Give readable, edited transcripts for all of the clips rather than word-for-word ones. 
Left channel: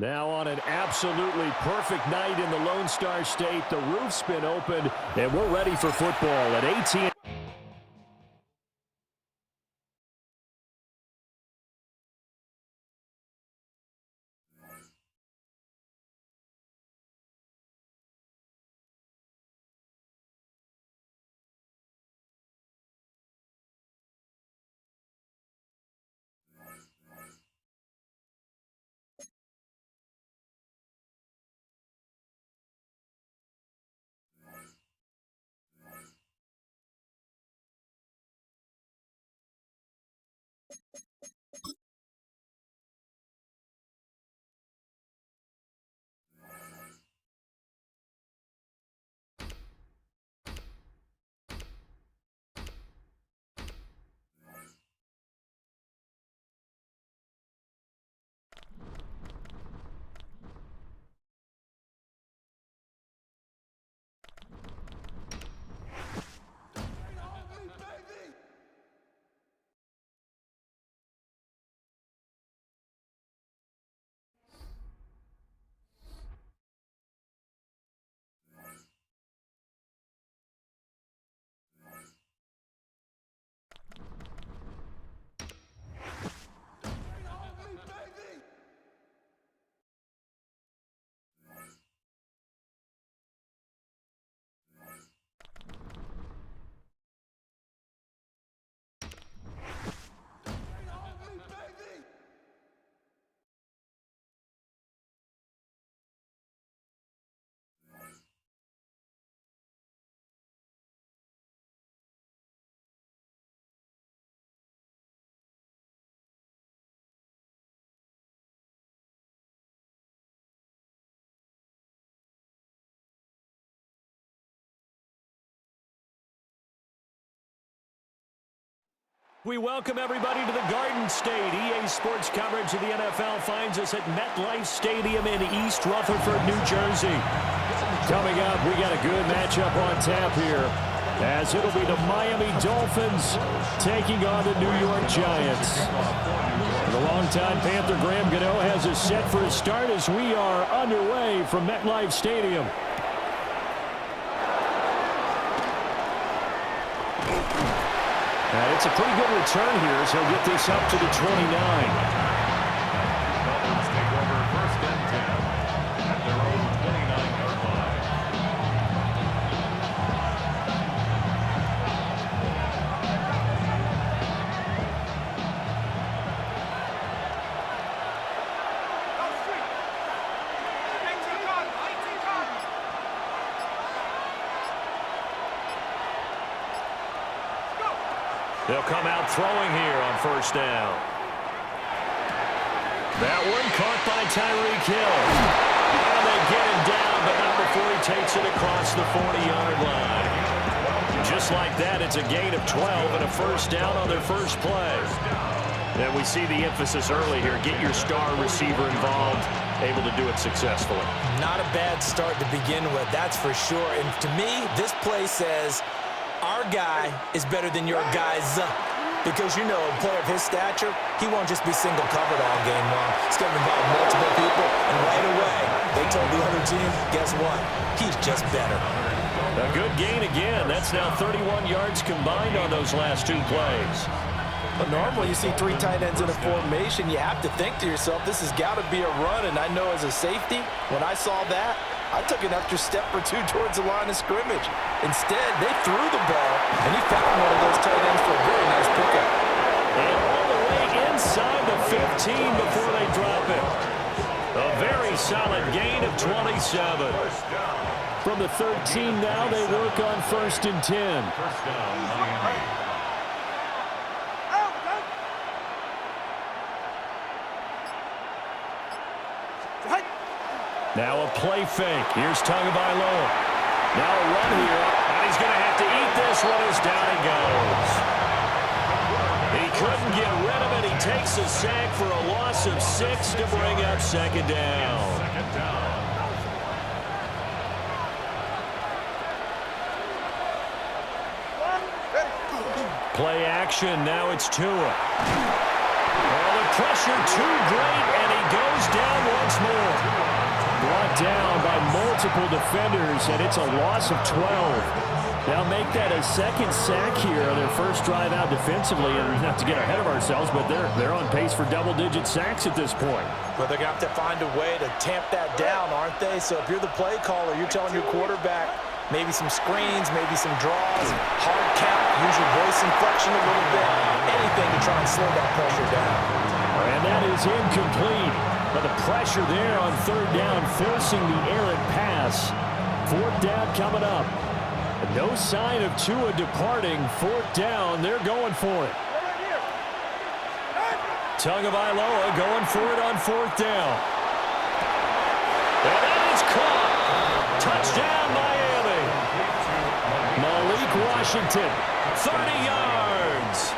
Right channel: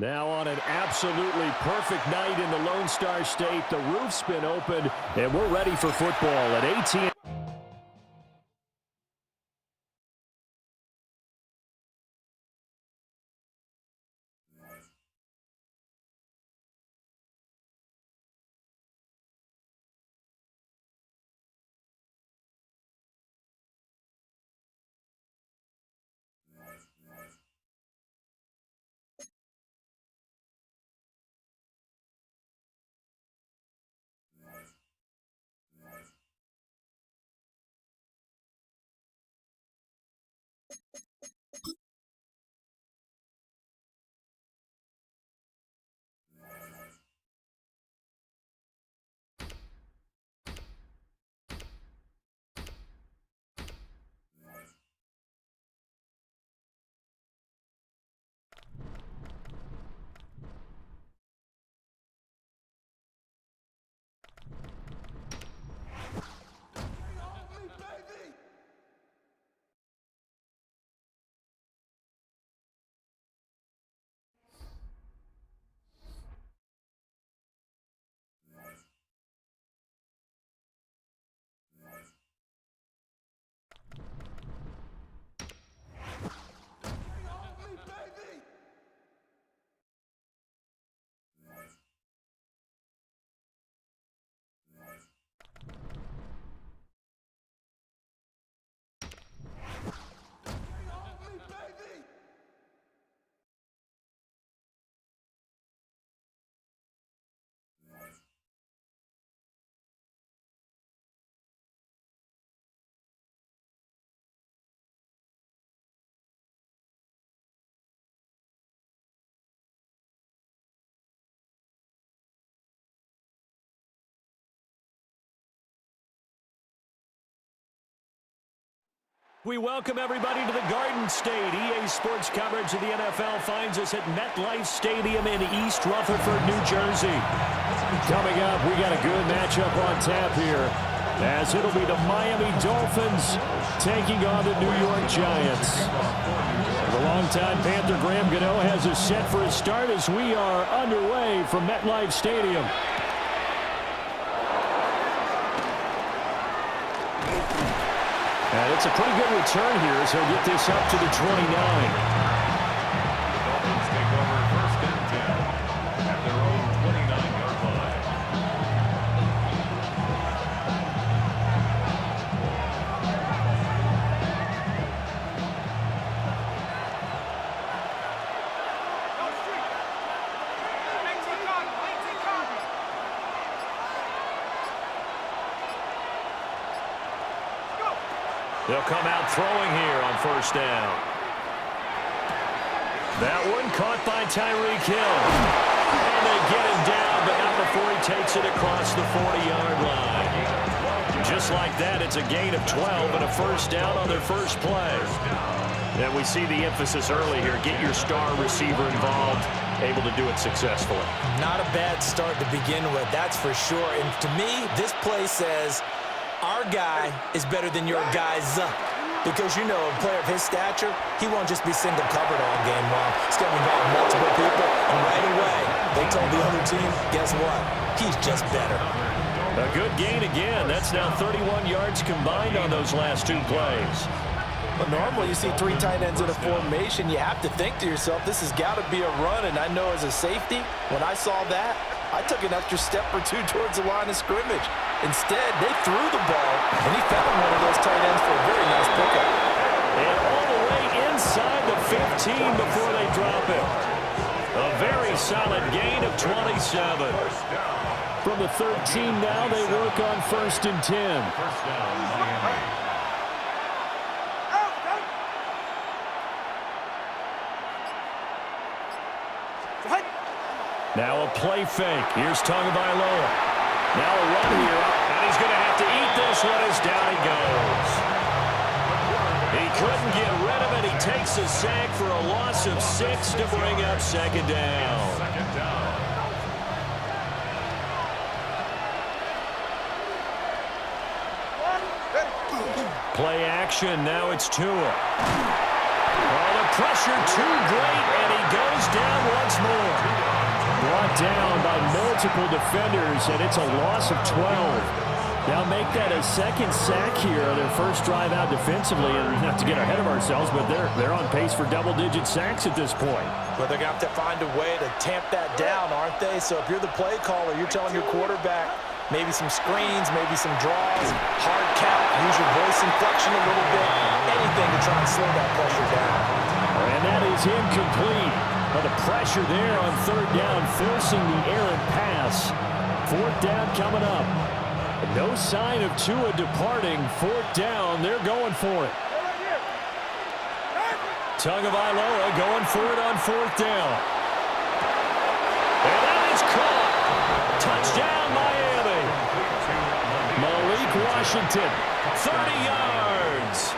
Now on an absolutely perfect night in the Lone Star State, the roof's been opened, and we're ready for football at AT&T. We welcome everybody to the Garden State. EA Sports coverage of the NFL finds us at MetLife Stadium in East Rutherford, New Jersey. Coming up, we got a good matchup on tap here, as it'll be the Miami Dolphins taking on the New York Giants. The longtime Panther Graham Gano has us set for a start as we are underway from MetLife Stadium. And it's a pretty good return here as he'll get this up to the 29. The Dolphins take over first and 10 at their own 29-yard line. They'll come out throwing here on first down. That one caught by Tyreek Hill. And they get him down, but not before he takes it across the 40-yard line. Just like that, it's a gain of 12 and a first down on their first play. And we see the emphasis early here. Get your star receiver involved, able to do it successfully. Not a bad start to begin with, that's for sure. And to me, this play says our guy is better than your guy's. Because, you know, a player of his stature, he won't just be single covered all game long. He's going to involve multiple people, and right away, they told the other team, guess what? He's just better. A good gain again. That's now 31 yards combined on those last two plays. But normally you see three tight ends in a formation, you have to think to yourself, this has got to be a run. And I know as a safety, when I saw that, I took an extra step or two towards the line of scrimmage. Instead, they threw the ball, and he found one of those tight ends for a very nice pickup. And all the way inside the 15 before they drop it. A very solid gain of 27. From the 13 now, they work on 1st and 10. First down, Miami. Now a play fake. Here's Tagovailoa. Now a run here, and he's going to have to eat this one as down he goes. He couldn't get rid of it. He takes a sack for a loss of 6 to bring up second down. Second down. Play action. Now it's Tua. Oh, the pressure too great, and he goes down once more. Brought down by multiple defenders, and it's a loss of 12. Now make that a second sack here on their first drive out defensively, and not to get ahead of ourselves, but they're on pace for double-digit sacks at this point. But they're going to have to find a way to tamp that down, aren't they? So if you're the play caller, you're telling your quarterback maybe some screens, maybe some draws, hard count, use your voice inflection a little bit, anything to try and slow that pressure down. And that is incomplete. But the pressure there on third down, forcing the errant pass. Fourth down coming up. No sign of Tua departing. Fourth down, they're going for it. Tagovailoa going for it on fourth down. And that is caught. Touchdown, Miami. Malik Washington, 30 yards.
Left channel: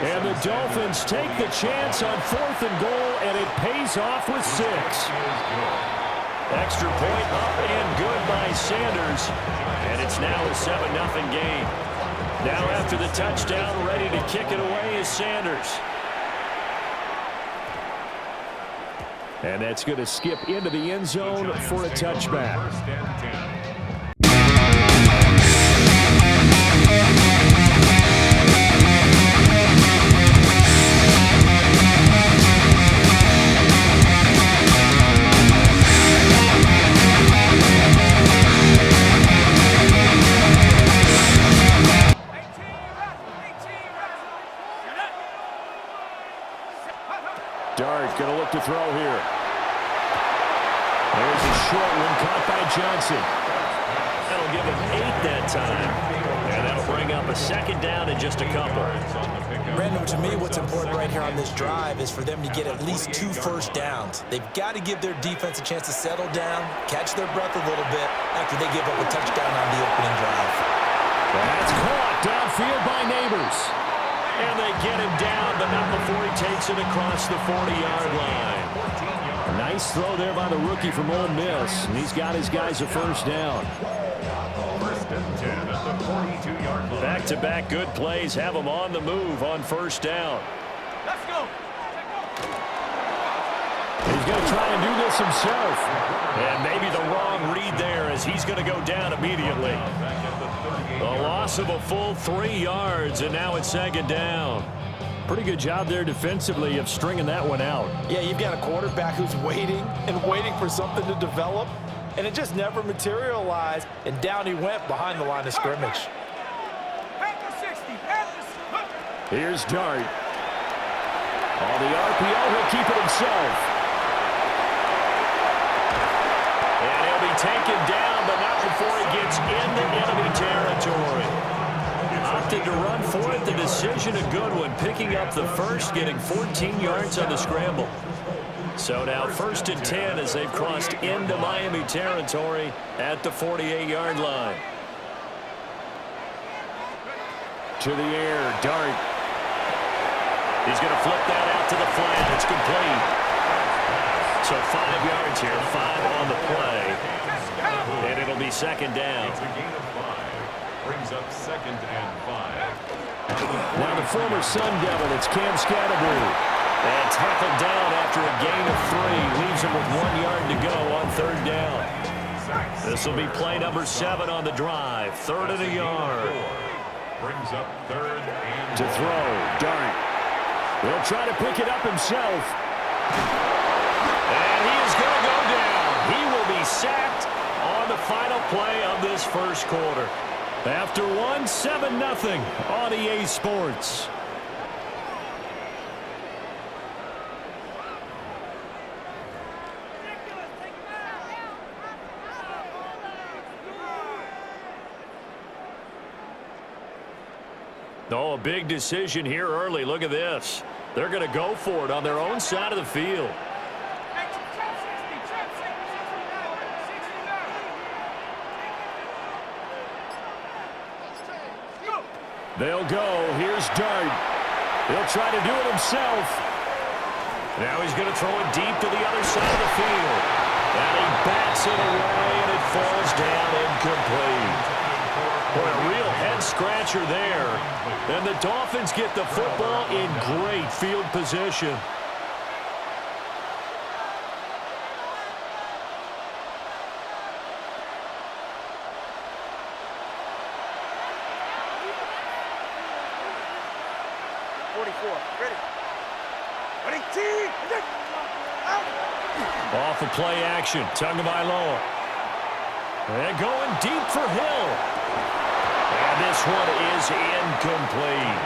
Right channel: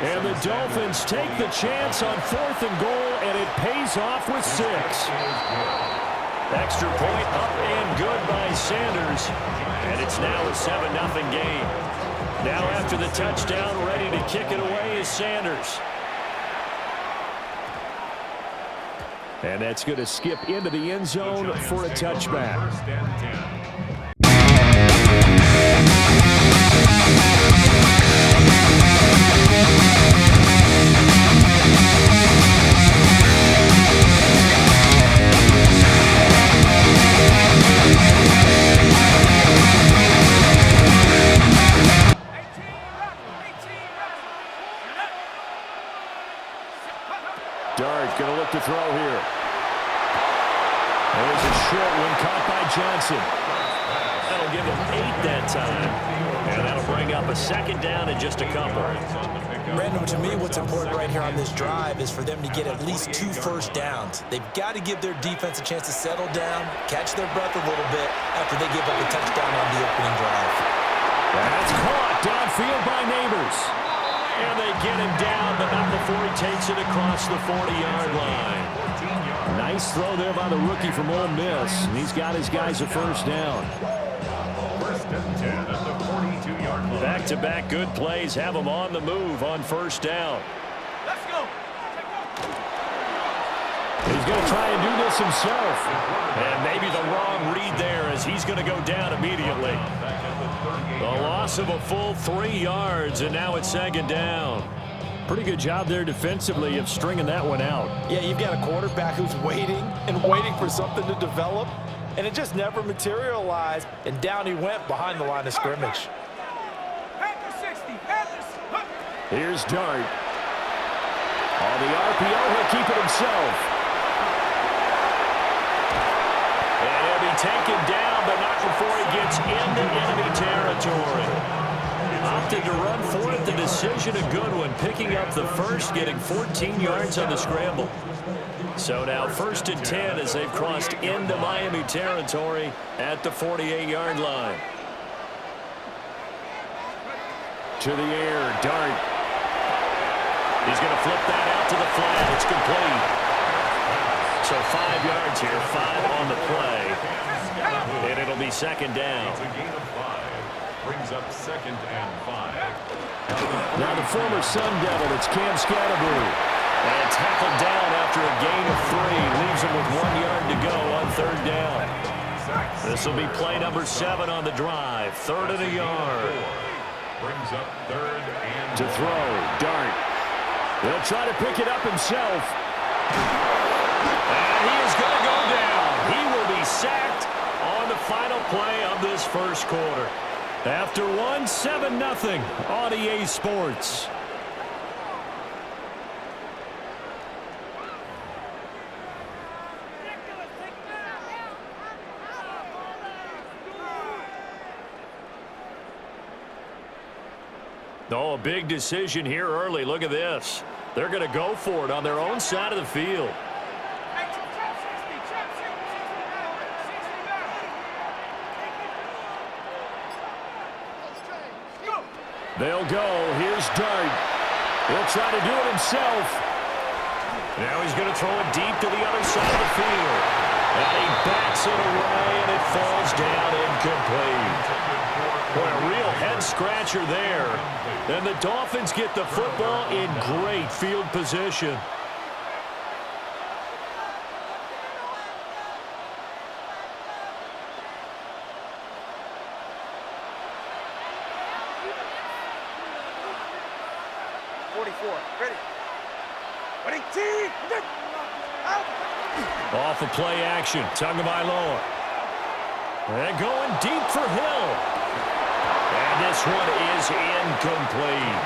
And the Dolphins take the chance on 4th and goal, and it pays off with 6. Extra point up and good by Sanders. And it's now a 7-0 game. Now after the touchdown, ready to kick it away is Sanders. And that's going to skip into the end zone for a touchback. First and 10. Dart going to look to throw here. There's a short one caught by Johnson. That'll give him 8 that time. And that'll bring up a second down in just a couple. Brandon, to me, what's important right here on this drive is for them to get at least 2 first downs. They've got to give their defense a chance to settle down, catch their breath a little bit after they give up a touchdown on the opening drive. That's caught downfield by Neighbors. And they get him down, but not before he takes it across the 40-yard line. Nice throw there by the rookie from Ole Miss. And he's got his guys a first down. First and 10 at the 42-yard line. Back-to-back good plays have him on the move on first down. Let's go. He's going to try and do this himself. And maybe the wrong read there as he's going to go down immediately. A loss of a full 3 yards, and now it's second down. Pretty good job there defensively of stringing that one out. Yeah, you've got a quarterback who's waiting and waiting for something to develop, and it just never materialized, and down he went behind the line of scrimmage. Panther 60. Panthers. Here's Dart. On the RPO, he'll keep it himself. And he'll be taken down, but not before he gets into enemy territory. Opted to run for it. The decision a good one. Picking up the first, getting 14 yards on the scramble. So now 1st and 10 as they've crossed into Miami territory at the 48-yard line. To the air, Dart. He's going to flip that out to the flat. It's complete. So 5 yards here, 5 on the play. And it'll be 2nd down. It's a gain of 5. Brings up 2nd and 5. Now the former Sun Devil, it's Cam Scatterboo. And tackled down after a gain of 3. Leaves him with 1 yard to go on 3rd down. This will be play number 7 on the drive. 3rd and a yard. Brings up 3rd and to throw, Dart. He'll try to pick it up himself. And he is going to go down. He will be sacked on the final play of this first quarter. After 7-0 on EA Sports. Oh, a big decision here early. Look at this. They're going to go for it on their own side of the field. They'll go. Here's Dart. He'll try to do it himself. Now he's going to throw it deep to the other side of the field. And he bats it away, and it falls down incomplete. Boy, a real head-scratcher there. And the Dolphins get the football in great field position. Off of play action, Tagovailoa. And going deep for Hill. And this one is incomplete.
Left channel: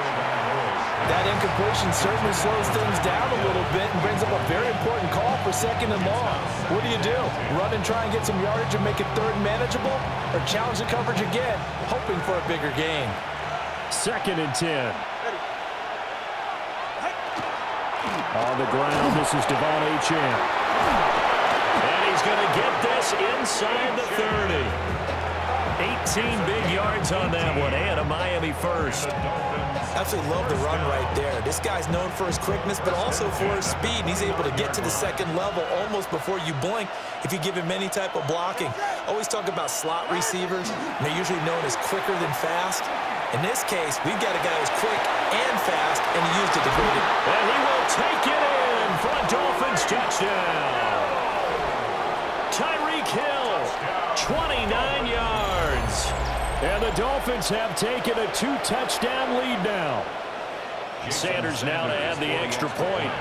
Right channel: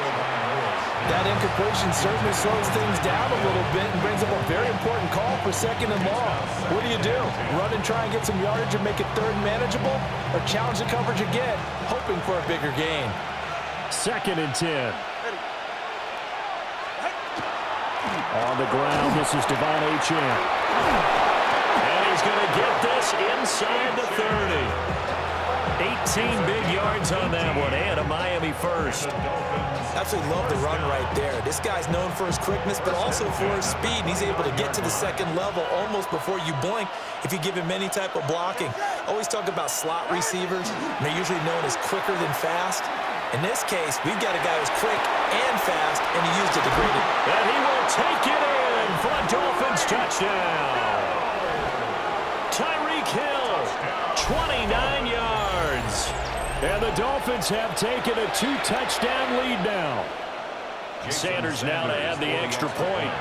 That incompletion certainly slows things down a little bit and brings up a very important call for 2nd and long. What do? Run and try and get some yardage and make it 3rd manageable? Or challenge the coverage again, hoping for a bigger gain? 2nd and 10. On the ground, this is Devon Achane. And he's going to get this inside the 30. 18 big yards on that one, and a Miami first. Absolutely love the run right there. This guy's known for his quickness, but also for his speed, and he's able to get to the 2nd level almost before you blink if you give him any type of blocking. Always talk about slot receivers, and they're usually known as quicker than fast. In this case, we've got a guy who's quick and fast, and he used it to great it. And he will take it in for a Dolphins touchdown. Tyreek Hill, 29 yards. And the Dolphins have taken a 2-touchdown lead now. Sanders now to add the extra point.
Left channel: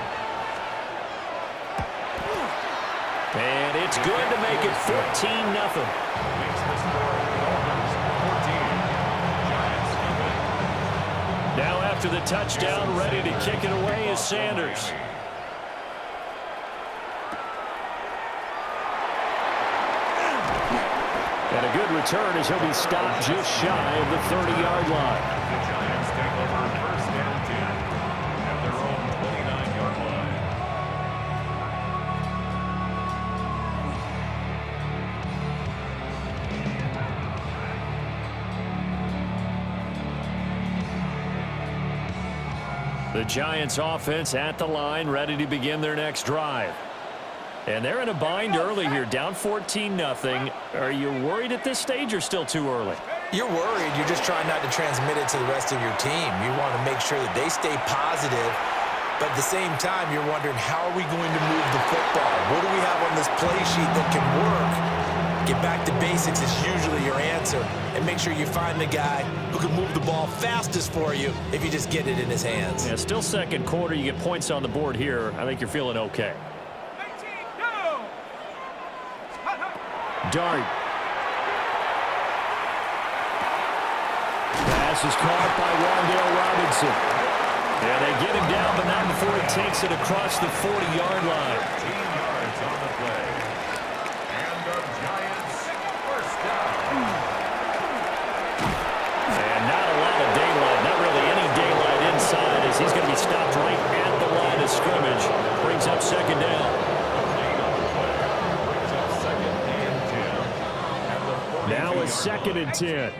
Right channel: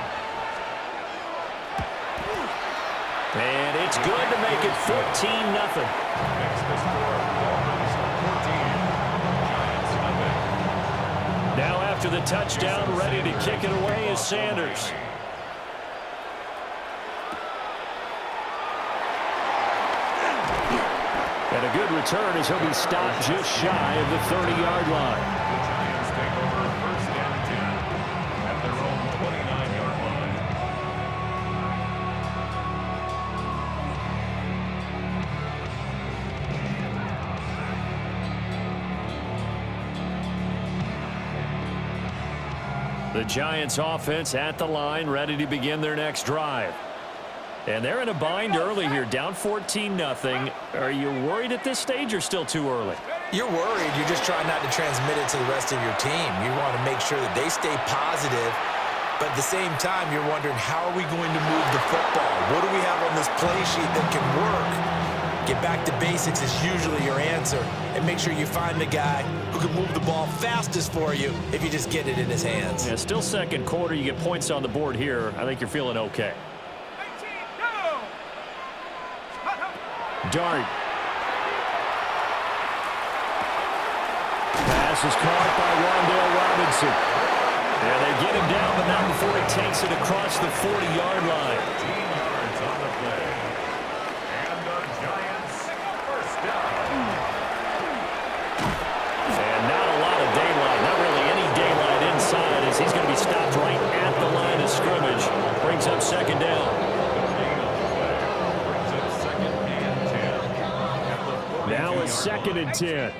And it's good to make it 14-0. Makes the score Dolphins 14. Now after the touchdown, ready to kick it away is Sanders. And a good return as he'll be stopped just shy of the 30-yard line. The Giants take over 1st and 10 at their own 29-yard line. The Giants offense at the line, ready to begin their next drive. And they're in a bind early here, down 14-0. Are you worried at this stage or still too early? You're worried. You're just trying not to transmit it to the rest of your team. You want to make sure that they stay positive. But at the same time, you're wondering, how are we going to move the football? What do we have on this play sheet that can work? Get back to basics is usually your answer. And make sure you find the guy who can move the ball fastest for you if you just get it in his hands. Yeah, still 2nd quarter. You get points on the board here. I think you're feeling okay. Dart. Pass is caught by Wan'Dale Robinson. Yeah, they get him down, but not before he takes it across the 40-yard line. 15 yards on the play. And the Giants 1st down. And not a lot of daylight as he's going to be stopped right at the line of scrimmage. Brings up second down. Now it's 2nd and 10.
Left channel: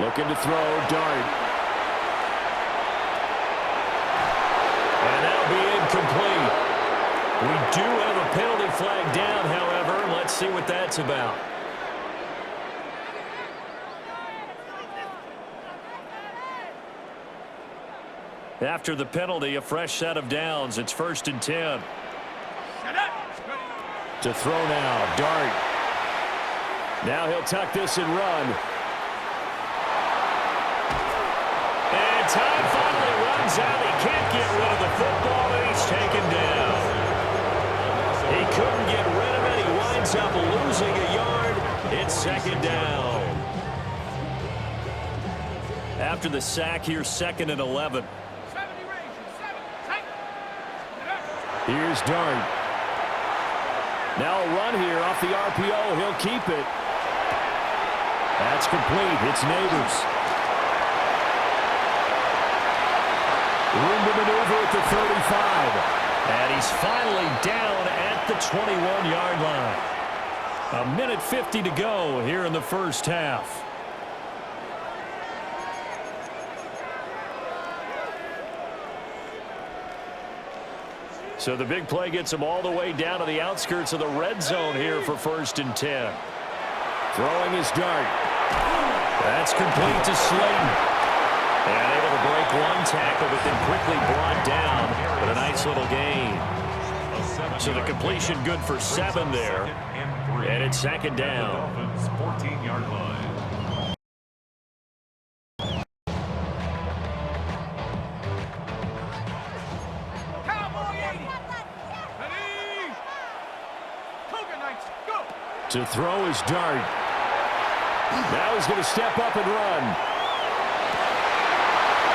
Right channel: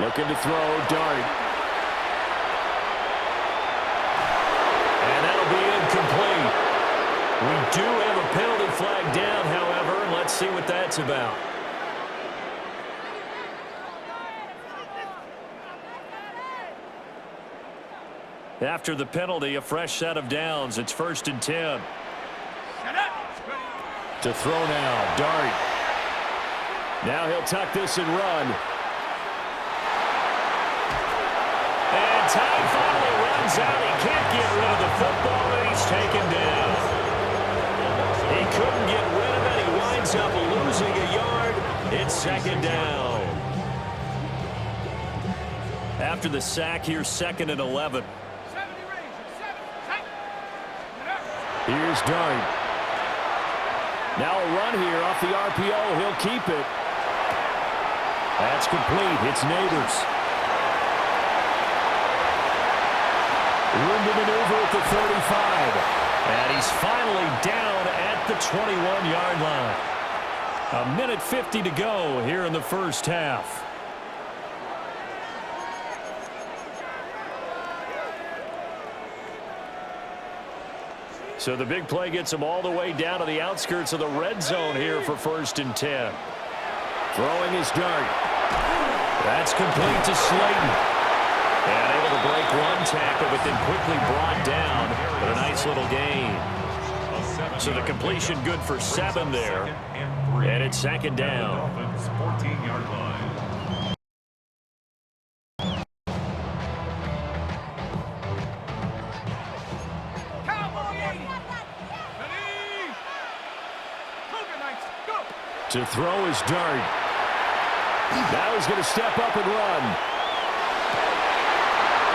Looking to throw, Dart. And that'll be incomplete. We do have a penalty flag down, however, and let's see what that's about. After the penalty, a fresh set of downs. It's 1st and 10. To throw now, Dart. Now he'll tuck this and run. And time finally runs out. He can't get rid of the football, and he's taken down. He couldn't get rid of it. He winds up losing a yard. It's 2nd down. After the sack, here's 2nd and 11. Here's Dart. Now a run here off the RPO. He'll keep it. That's complete. It's Neighbors. Room to maneuver at the 35. And he's finally down at the 21-yard line. 1:50 to go here in the first half. So the big play gets him all the way down to the outskirts of the red zone here for 1st and 10. Throwing his Dart. That's complete to Slayton. And able to break one tackle, but then quickly brought down. But a nice little gain. So the completion good for 7 there. And it's 2nd down. 14-yard line. To throw his Dart. Now he's going to step up and run.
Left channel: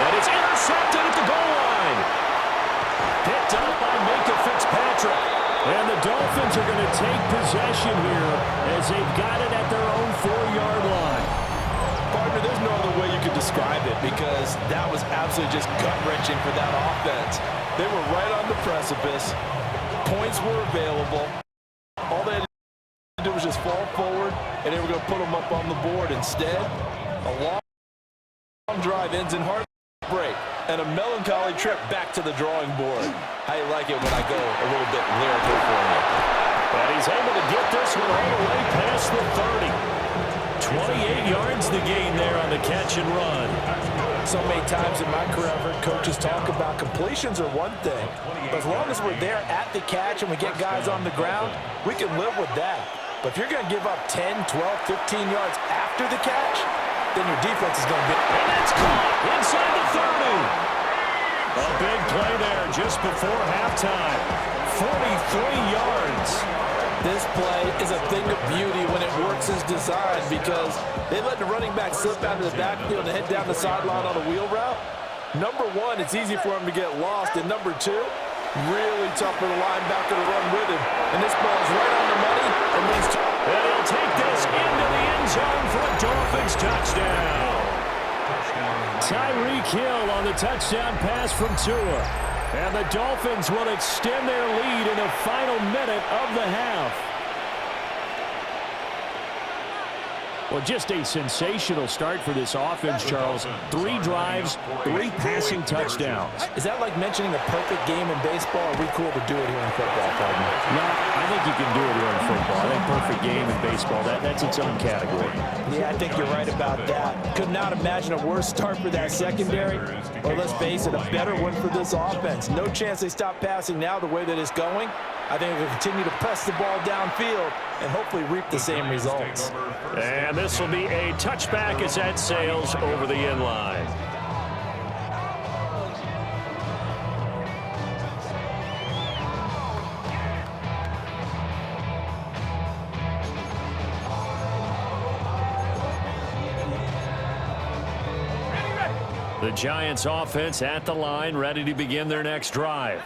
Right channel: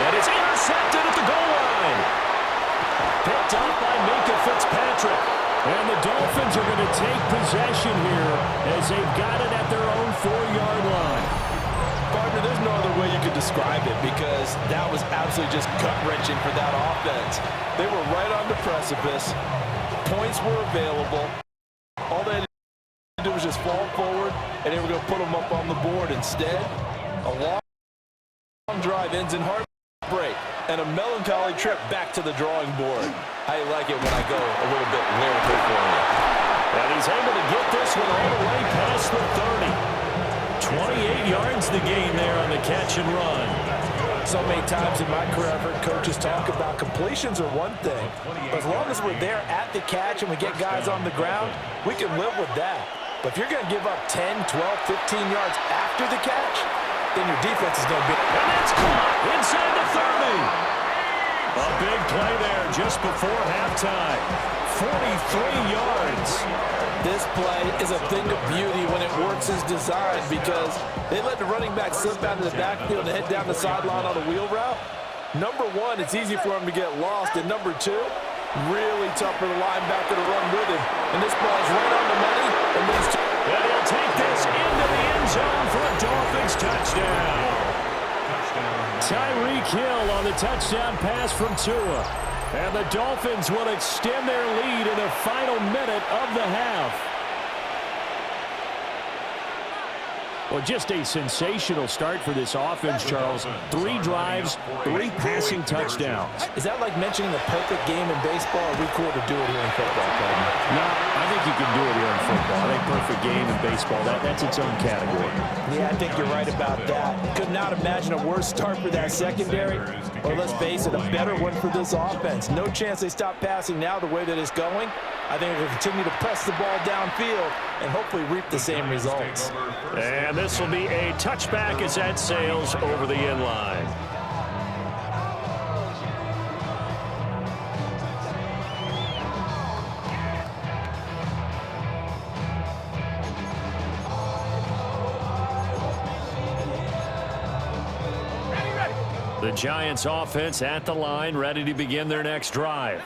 And it's intercepted at the goal line. Picked up by Minka Fitzpatrick. And the Dolphins are going to take possession here as they've got it at their own 4-yard line. Partner, there's no other way you could describe it because that was absolutely just gut-wrenching for that offense. They were right on the precipice. Points were available. All they had to do was just fall forward, and they were going to put them up on the board. Instead, a long drive ends in heartbreak and a melancholy trip back to the drawing board. I like it when I go a little bit lyrical for you. And he's able to get this one all the way past the 30. 28 yards the gain there on the catch and run. So many times in my career, I've heard coaches talk about completions are one thing. But as long as we're there at the catch and we get guys on the ground, we can live with that. But if you're going to give up 10, 12, 15 yards after the catch, then your defense is going to be... And that's caught inside the 30. A big play there just before halftime. 43 yards. This play is a thing of beauty when it works as designed because they let the running back slip out of the backfield and head down the sideline on a wheel route. Number one, it's easy for him to get lost. And number two, really tough for the linebacker to run with him. And this ball is right on the money and leads to... And he'll take this into the end zone for a Dolphins touchdown. Tyreek Hill on the touchdown pass from Tua. And the Dolphins will extend their lead in the final minute of the half. Well, just a sensational start for this offense, Charles. 3 drives, 3 passing touchdowns. Is that like mentioning a perfect game in baseball? Or are we cool to do it here in football, partner? No, I think you can do it here in football. I think perfect game in baseball, that's its own category. Yeah, I think you're right about that. Could not imagine a worse start for that secondary. Or let's face it, a better one for this offense. No chance they stop passing now the way that it's going. I think they'll continue to press the ball downfield and hopefully reap the same results. And this will be a touchback as that sails over the end line. The Giants offense at the line, ready to begin their next drive.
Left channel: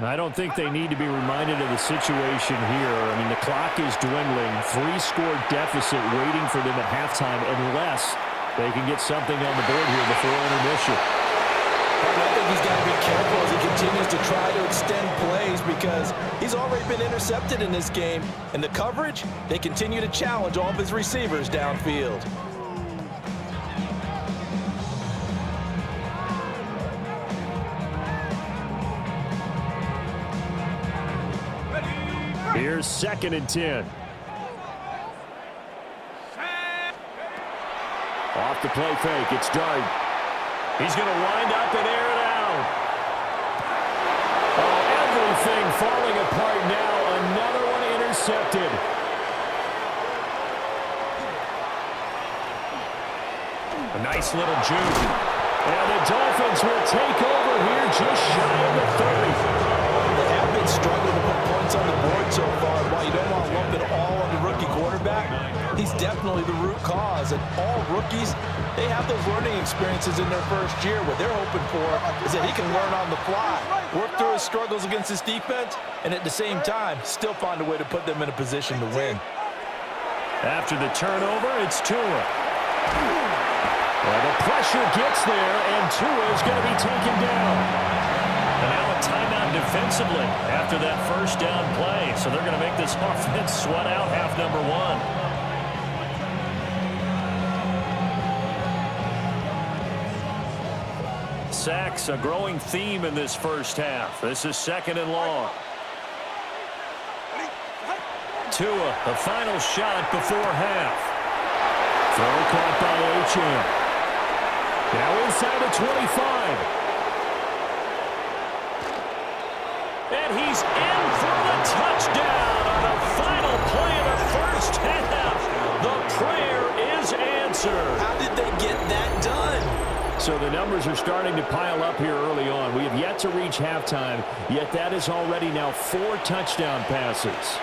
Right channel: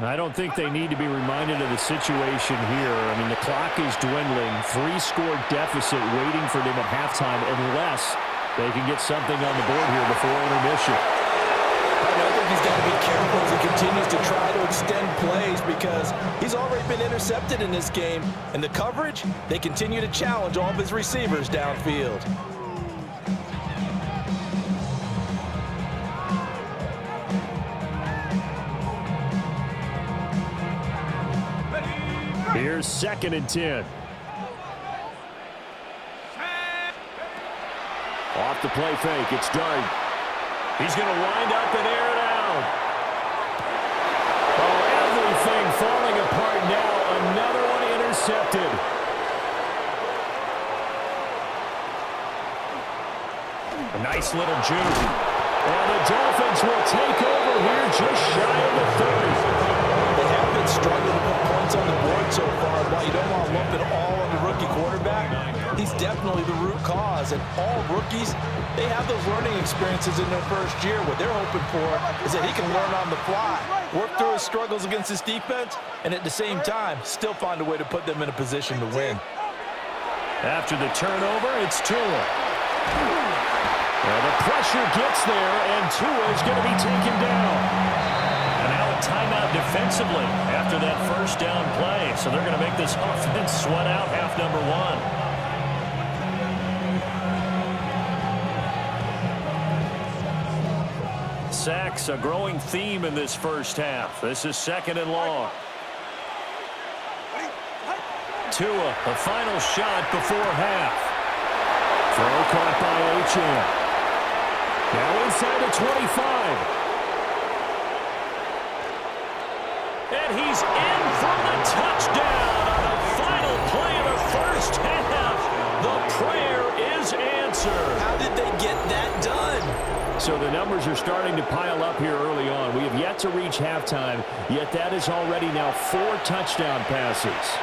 I don't think they need to be reminded of the situation here. I mean, the clock is dwindling. 3-score deficit waiting for them at halftime unless they can get something on the board here before intermission. I think he's got to be careful as he continues to try to extend plays because he's already been intercepted in this game. And the coverage, they continue to challenge all of his receivers downfield. Here's 2nd and 10. Off the play fake, it's Dart. He's going to wind up and air it out. Oh, everything falling apart now. Another one intercepted. A nice little juke. And the Dolphins will take over here just shy of the 30. They have been struggling to put points on the board so far. While you don't want to lump it all on the rookie quarterback, he's definitely the root cause. And all rookies, they have those learning experiences in their first year. What they're hoping for is that he can learn on the fly, work through his struggles against his defense, and at the same time, still find a way to put them in a position to win. After the turnover, it's Tua. The pressure gets there, and Tua is going to be taken down. And now a timeout defensively after that first down play. So they're going to make this offense sweat out half number 1. Sacks, a growing theme in this first half. This is 2nd and long. Tua, the final shot before half. Throw caught by Achane. Now inside the 25. And he's in for the touchdown on the final play of the first half. The prayer is answered. How did they get that done? So the numbers are starting to pile up here early on. We have yet to reach halftime, yet that is already now 4 touchdown passes.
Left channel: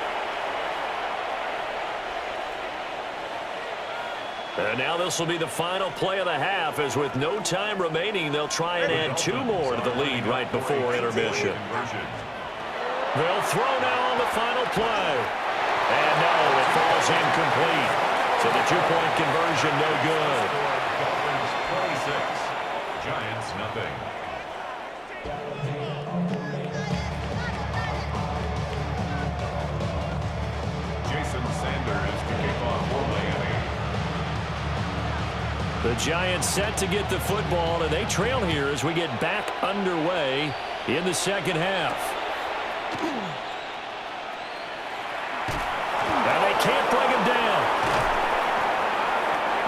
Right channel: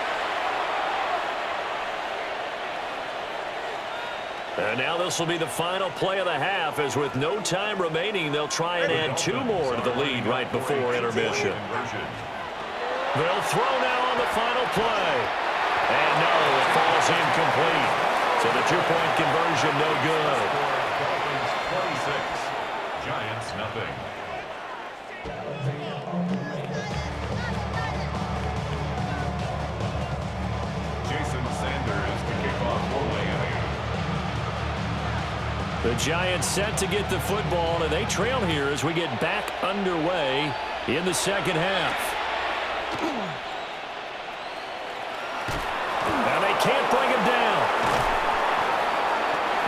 And now this will be the final play of the half, as with no time remaining, they'll try and add 2 more to the lead right before intermission. They'll throw now on the final play. And no, it falls incomplete. So the 2-point conversion no good. Dolphins 26, Giants nothing. Jason Sanders to kick off for Miami. The Giants set to get the football, and they trail here as we get back underway in the second half. Now they can't bring him down.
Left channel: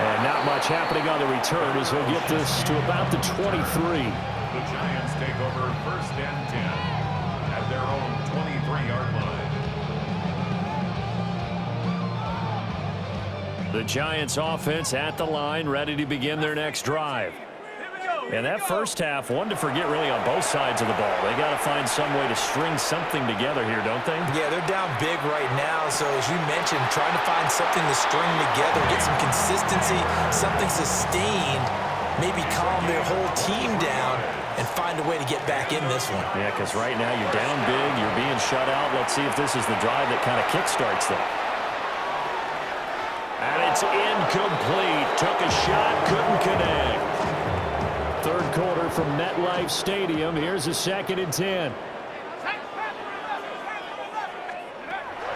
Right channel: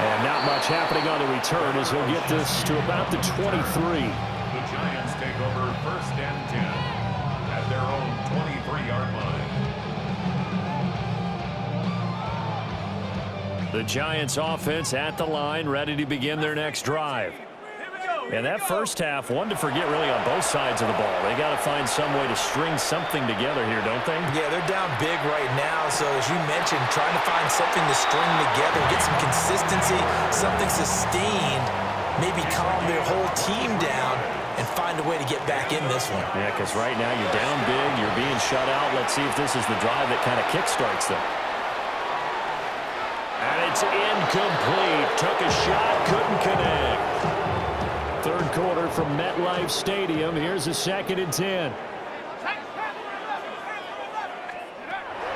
And not much happening on the return as he'll get this to about the 23. The Giants take over 1st and 10 at their own 23-yard line. The Giants offense at the line, ready to begin their next drive. And that first half, one to forget really on both sides of the ball. They got to find some way to string something together here, don't they? Yeah, they're down big right now. So as you mentioned, trying to find something to string together, get some consistency, something sustained, maybe calm their whole team down and find a way to get back in this one. Yeah, because right now you're down big, you're being shut out. Let's see if this is the drive that kind of kickstarts them. And it's incomplete. Took a shot, couldn't connect. Third quarter from MetLife Stadium. Here's a 2nd and 10.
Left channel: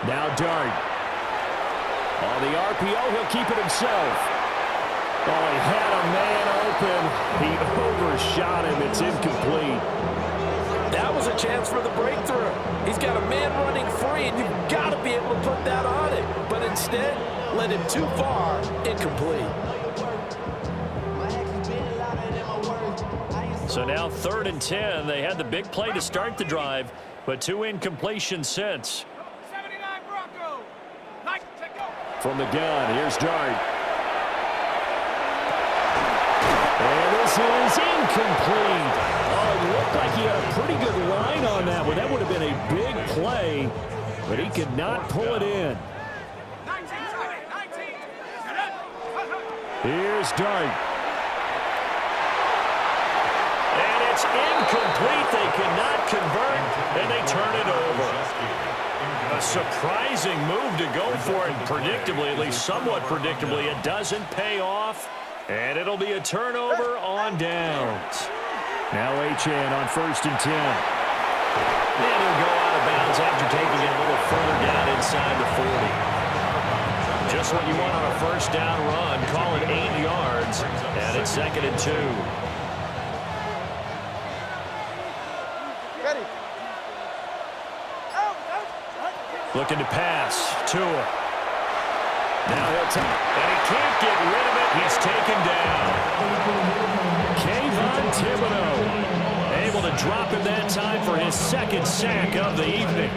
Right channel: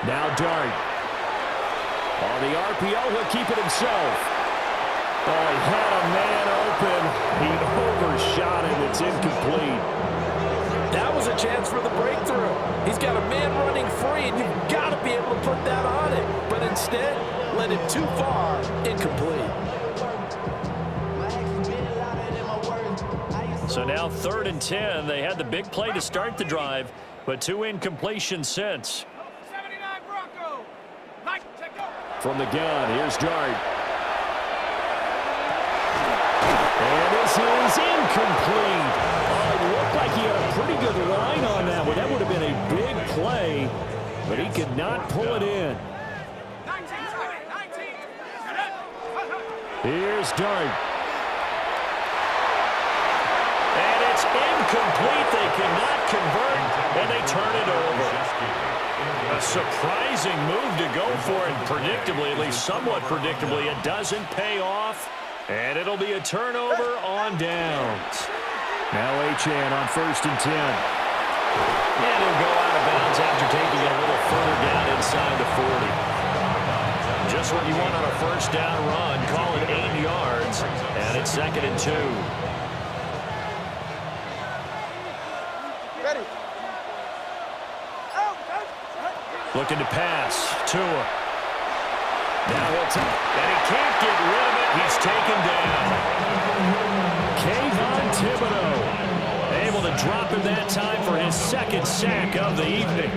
Now Dart. On the RPO, he'll keep it himself. Oh, he had a man open. He overshot him. It's incomplete. That was a chance for the breakthrough. He's got a man running free, and you've got to be able to put that on it. But instead, led him too far, incomplete. So now 3rd and 10. They had the big play to start the drive, but 2 incompletions since. 79 Bronco. From the gun, here's Dart. And this is incomplete. Oh, it looked like he had a pretty good line on that one. That would have been a big play, but he could not pull it in. 19. Here's Dart. And it's incomplete. They cannot convert, and they turn it over. A surprising move to go for it, predictably, at least somewhat predictably. It doesn't pay off, And it'll be a turnover on downs. Now HN on 1st and 10. And he'll go out of bounds after taking it a little further down inside the 40. Just what you want on a first down run. Call it 8 yards. And it's 2nd and 2. Ready. Looking to pass. Tua. Now he'll take, and he can't get rid of it. He's taken down. Kayvon Thibodeau able to drop him that time for his 2nd sack of the evening.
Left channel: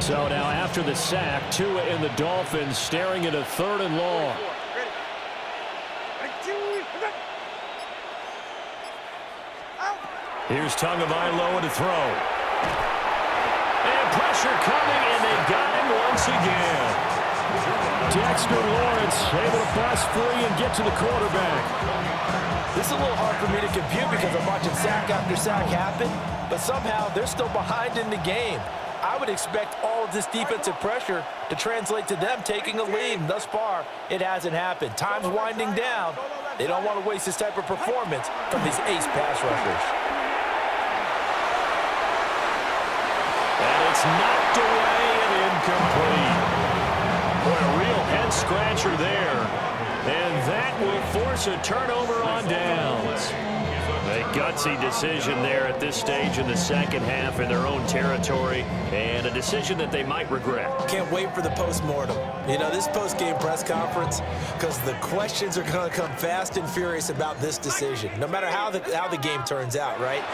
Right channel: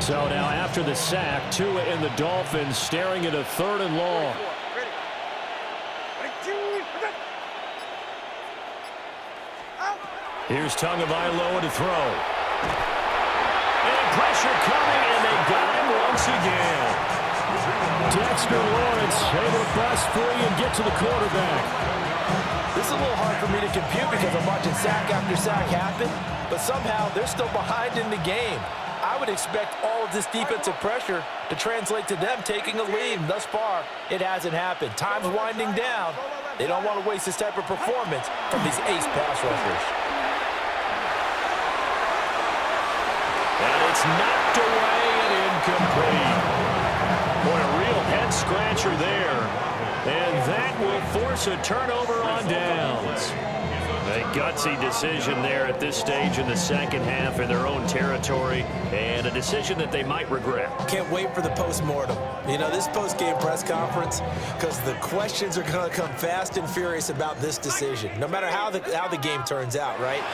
So now after the sack, Tua and the Dolphins staring at a 3rd and long. Here's Tagovailoa to throw. And pressure coming, and they got him once again. Dexter Lawrence able to bust free and get to the quarterback. This is a little hard for me to compute because I'm watching sack after sack happen, but somehow they're still behind in the game. I would expect all of this defensive pressure to translate to them taking a lead. And thus far, it hasn't happened. Time's winding down. They don't want to waste this type of performance from these ace pass rushers. And it's knocked away and incomplete. Boy, a real head-scratcher there. And that will force a turnover on downs. A gutsy decision there at this stage in the 2nd half in their own territory, and a decision that they might regret. Can't wait for the post-mortem. You know, this post-game press conference, because the questions are going to come fast and furious about this decision, no matter how the game turns out, right?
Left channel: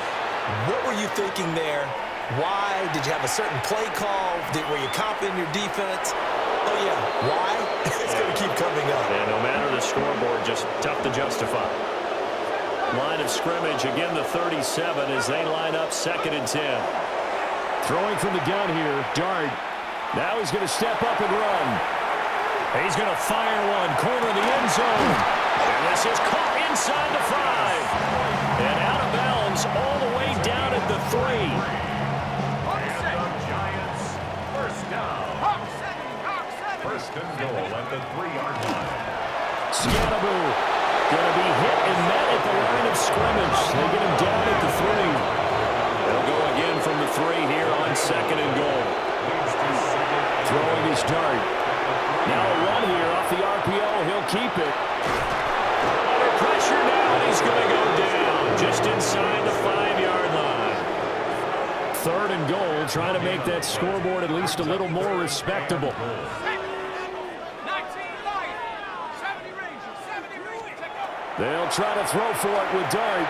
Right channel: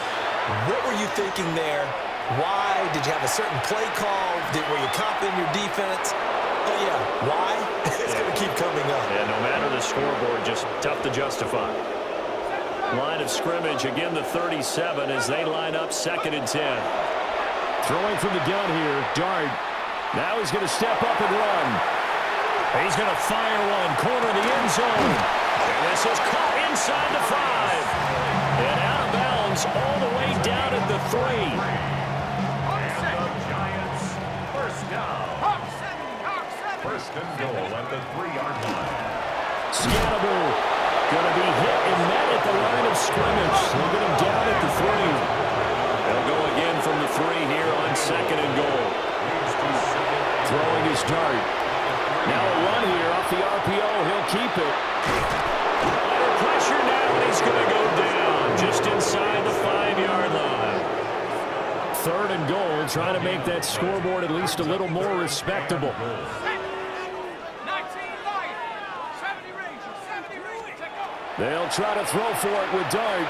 What were you thinking there? Why? Did you have a certain play call? Were you confident in your defense? Oh, yeah. Why? It's going to keep coming up. Yeah, no matter the scoreboard, just tough to justify. Line of scrimmage, again the 37 as they line up 2nd and 10. Throwing from the gun here, Dart. Now he's going to step up and run. He's going to fire one, corner of the end zone. And this is caught inside the 5. And out of bounds all the way down at the 3. Giants, first down. First and goal at the 3-yard line. Scannable going to be hit and met at the line of scrimmage. They get him down at the 3. They'll go again from the 3 here on 2nd and goal. Throwing his Dart. Now a run here off the RPO. He'll keep it. Under pressure now, and he's going to go down just inside the 5-yard line. 3rd and goal, trying to make that scoreboard at least a little more respectable. They'll try to throw for it with Dart.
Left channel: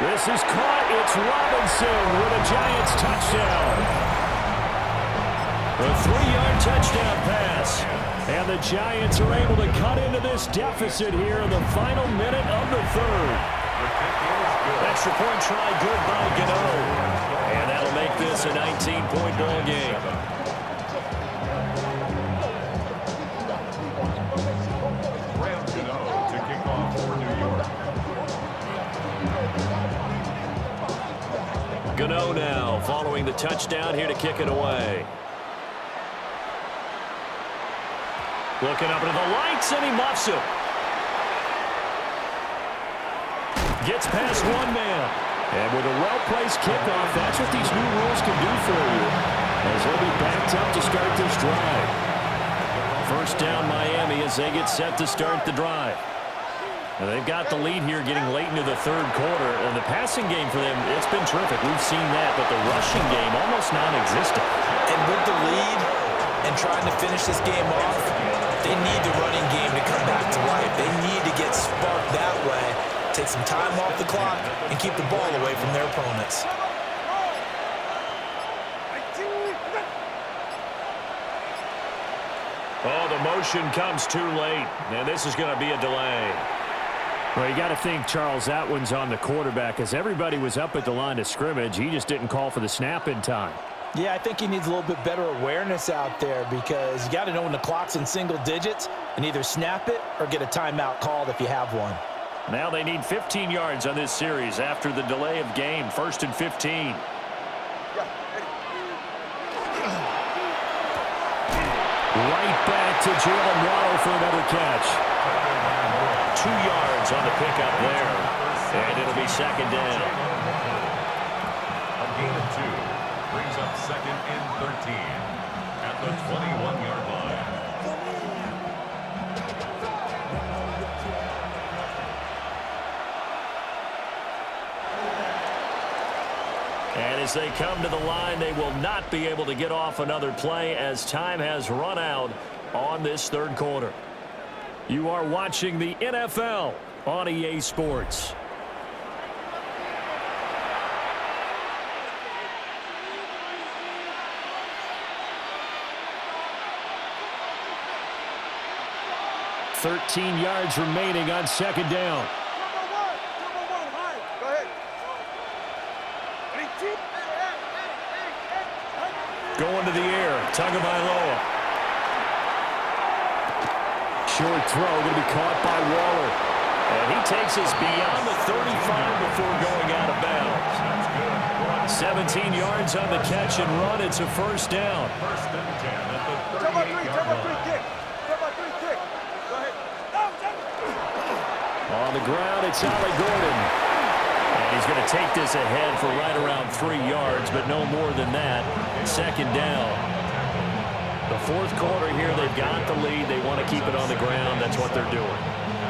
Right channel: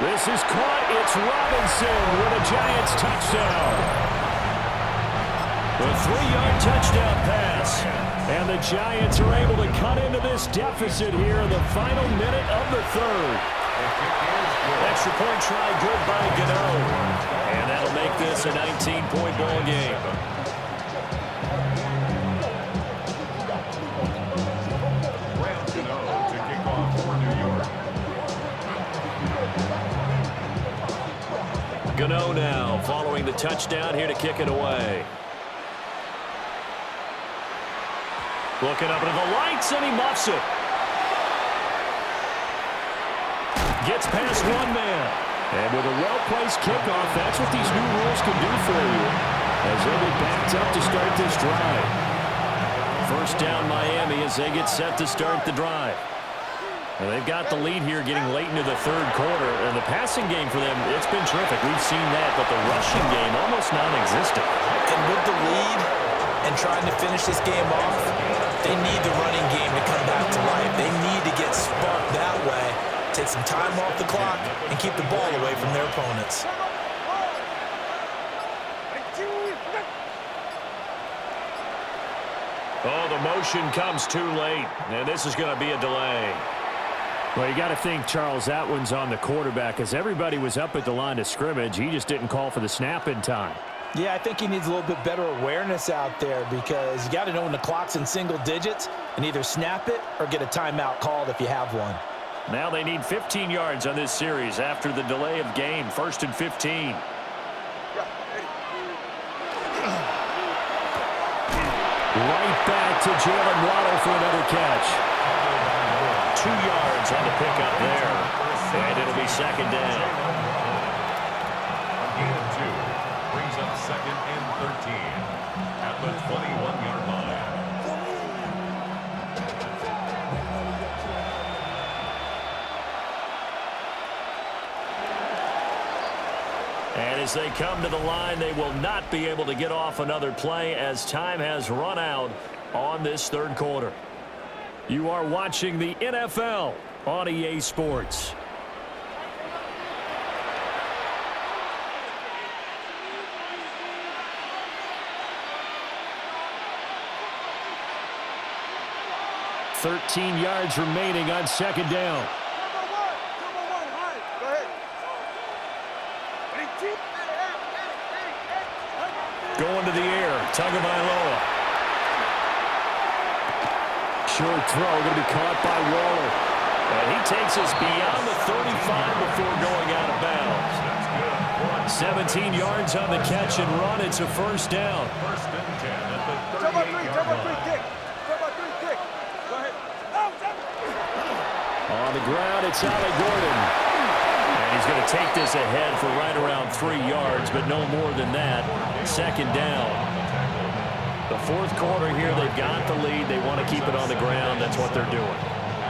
This is caught. It's Robinson with a Giants touchdown. A 3-yard touchdown pass. And the Giants are able to cut into this deficit here in the final minute of the 3rd. Extra point try good by Gano. And that'll make this a 19-point ball game. Gano now following the touchdown here to kick it away. Looking up into the lights, and he muffs it. Gets past one man. And with a well-placed kickoff, that's what these new rules can do for you, as they'll be backed up to start this drive. First down Miami as they get set to start the drive. And they've got the lead here getting late into the 3rd quarter. And the passing game for them, it's been terrific. We've seen that, but the rushing game almost non-existent. And with the lead and trying to finish this game off, they need the running game to come back to life. They need to get sparked that way, take some time off the clock, and keep the ball away from their opponents. Oh, the motion comes too late, and this is going to be a delay. Well, you got to think, Charles, that one's on the quarterback, as everybody was up at the line of scrimmage. He just didn't call for the snap in time. Yeah, I think he needs a little bit better awareness out there, because you got to know when the clock's in single digits and either snap it or get a timeout called if you have one. Now they need 15 yards on this series after the delay of game. 1st and 15. Right back to Jalen Waddle for another catch. 2 yards on the pickup there. And it'll be second down. A gain of 2 brings up second and 13 at the 21-yard line. And as they come to the line, they will not be able to get off another play as time has run out on this third quarter. You are watching the NFL on EA Sports. $13 yards remaining on second down. Go ahead. Going to the air, Tagovailoa. Short throw, going to be caught by Waller. And he takes us beyond the 35 before going out of bounds. That's good. 17 yards on the catch and run. It's a first down. First and 10 at the Turn by 38-yard line. kick. Turn by 3 kick. Go ahead. On the ground, it's Ali Gordon. And he's going to take this ahead for right around 3 yards, but no more than that. Second down. The fourth quarter here, they've got the lead. They want to keep it on the ground. That's what they're doing.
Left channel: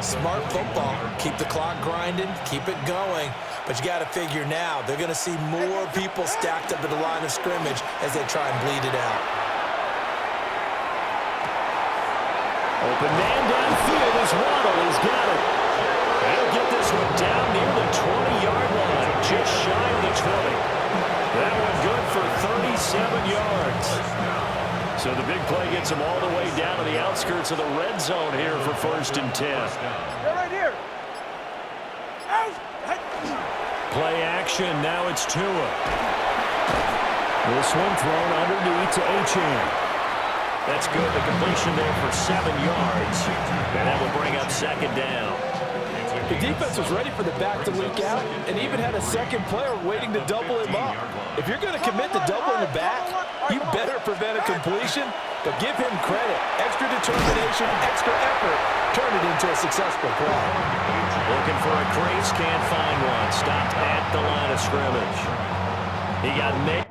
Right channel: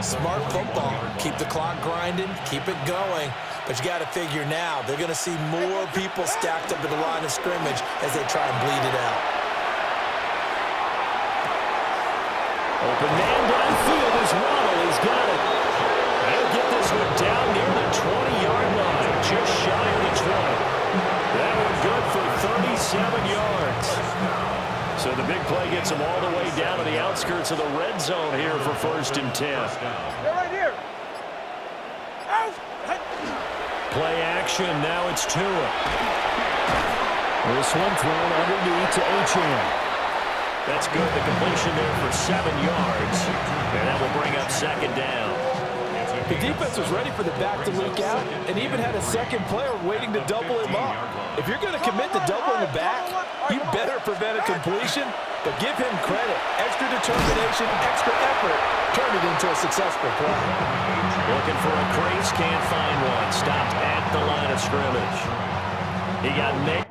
Smart football. Keep the clock grinding. Keep it going. But you got to figure now, they're going to see more people stacked up at the line of scrimmage as they try and bleed it out. Open man downfield is Waddle. He's got it. He'll get this one down near the 20-yard line, just shy of the 20. That one good for 37 yards. So the big play gets him all the way down to the outskirts of the red zone here for first and 10. They're right here. Out. Play action. Now it's Tua. This one thrown underneath to Achane. That's good. The completion there for 7 yards. And that will bring up second down. The defense was ready for the back to leak out and even had a second player waiting to double him up. If you're going to commit to doubling the back, you better prevent a completion, but give him credit. Extra determination, extra effort. Turn it into a successful play. Looking for a crease, can't find one. Stopped at the line of scrimmage. He got nailed.